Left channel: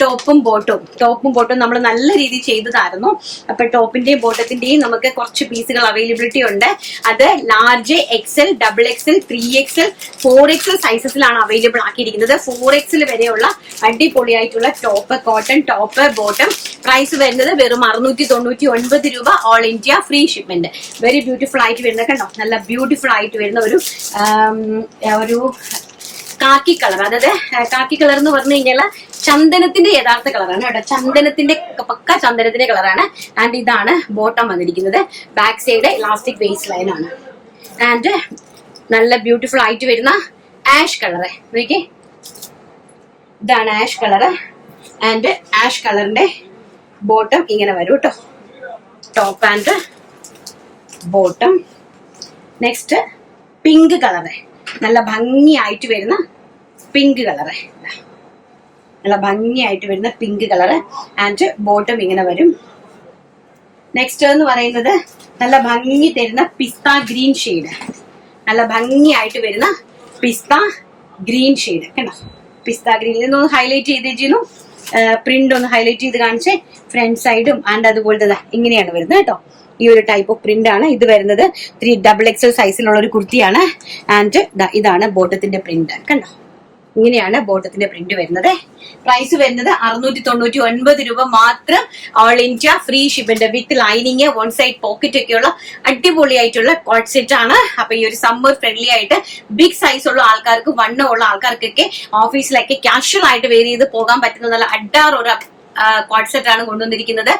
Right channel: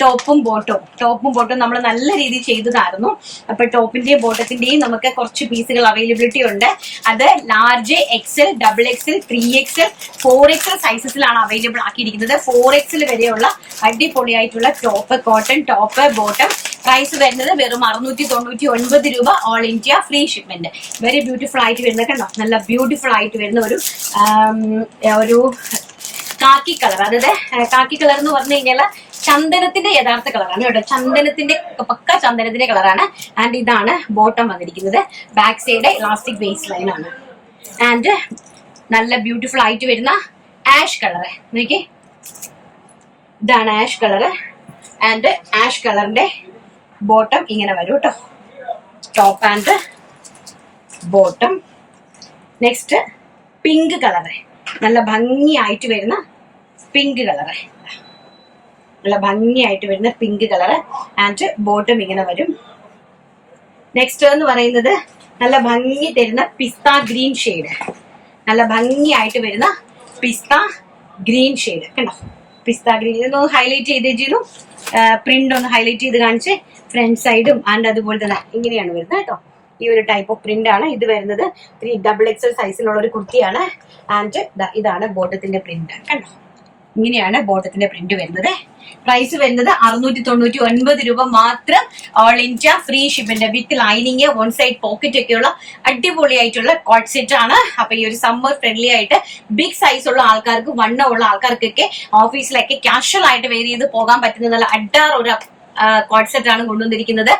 ടോപ്പും ബോട്ടും നമ്മൾ നല്ല രീതിയിൽ ചെയ്തതായിരുന്നു. അപ്പൊ ടോപ്പിന്റെയും ബോട്ടത്തിന്റെയും നമുക്ക് കുറച്ച് പീസുകൾ അവൈലബിലിറ്റി ഉണ്ട്. അത് large, XL, double XL, 3XL, 4XL സൈസസിലാണ് അവൈലബിൾ ആക്കിയിരിക്കുന്നത്. 4XL വരെയുള്ള അടിപൊളിയായിട്ടുള്ള top, cotton top bottom. Price വരുന്നത് വെറും 699 രൂപ. All India free shipment. Very beautiful ആയിട്ട് വരുന്നത് കണ്ടോ, നല്ല ബ്യൂട്ടിഫുൾ ആയിട്ട് വരുന്ന ഒരു കാക്കി കളർ. അതായത് കാക്കി കളർ എന്ന് പറഞ്ഞു കഴിഞ്ഞാൽ ചന്ദനത്തിന്റെ യഥാർത്ഥ കളറാണ് കേട്ടോ. ചന്ദനത്തിന്റെ പക്ക ചന്ദനത്തിന്റെ കളറാണ്. ആൻഡ് ഇതാണ് ബോട്ടം വന്നിരിക്കുന്നത്. Back side elastic base line ആണ്. ആൻഡ് നല്ല ബ്യൂട്ടിഫുൾ ആയിട്ട് വരുന്ന ആഷ് കളറ് നോക്കിയേ, ഇതാണ് ആഷ് കളറ്. ആൻഡ് ആഷ് കളറിന്റെ ബോട്ടം ഇങ്ങനെ വരും കേട്ടോ. Top and bottom. Next pink colour, നല്ല ഭംഗിയായിട്ട് വരുന്ന പിങ്ക് കളറ്, നല്ല ഭംഗിയായിട്ട് വരുന്ന പിങ്ക് കളറ്. ആൻഡ് ബോട്ടം ഇങ്ങനെ വരും. നെക്സ്റ്റ് എന്ന് പറയുന്നത് നല്ല ഭംഗി തരുന്ന പിസ്ത ഗ്രീൻ ഷെയ്ഡ്, നല്ല ഭംഗിയായിട്ട് വരുന്ന പിസ്ത ഗ്രീൻ ഷെയ്ഡ് കണ്ടോ. പിസ്ത ഗ്രീൻ ഇതൊന്ന് ഹൈലൈറ്റ് ചെയ്ത് ചെയ്യുന്നു, പ്രിന്റ് ഒന്ന് ഹൈലൈറ്റ് ചെയ്ത് കാണിച്ച്. ഫ്രണ്ട് സൈഡും ആൻഡ് അതുപോലത്തെ ഇങ്ങനെയാണ് വരുന്നത് കേട്ടോ. ഈ ഒരു ടൈപ്പ് ഓഫ് പ്രിന്റ് ആണ് ഇത് വരുന്നത്. 3XL സൈസിലുള്ള ഒരു കുർത്തിയാണ്. ആൻഡ് ഇതാണ് ബോട്ടത്തിന്റെ പ്രിന്റ് കണ്ടോ. ഇങ്ങനെയാണ് ബോട്ടത്തിന്റെ പ്രിന്റ് വരുന്നത്. പ്രൈസ് വരുന്നത് 699 രൂപ മാത്രം. ഓൾ ഇന്ത്യ ഫ്രീ ഷിപ്പിന്റെ with lining, one side pocket ഒക്കെയുള്ള അടിപൊളിയായിട്ടുള്ള കോട്ട് സെറ്റ് ആണ്. അപ്പൊ ഈ ഒരു സമ്മർ ഫ്രണ്ട്ലി ആയിട്ട് ബിഗ് സൈസ് ഉള്ള ആൾക്കാർക്ക്, വണ്ണമുള്ള ആൾക്കാർക്കൊക്കെ ഓഫീസിലൊക്കെ കാഷ്വൽ ആയിട്ട് വെയർ ചെയ്ത് പോകാൻ പറ്റുന്ന നല്ല അഡാർ ഒരു കോട്ട് സെറ്റ് ആണ് കൊണ്ടുവന്നിരിക്കുന്നത്.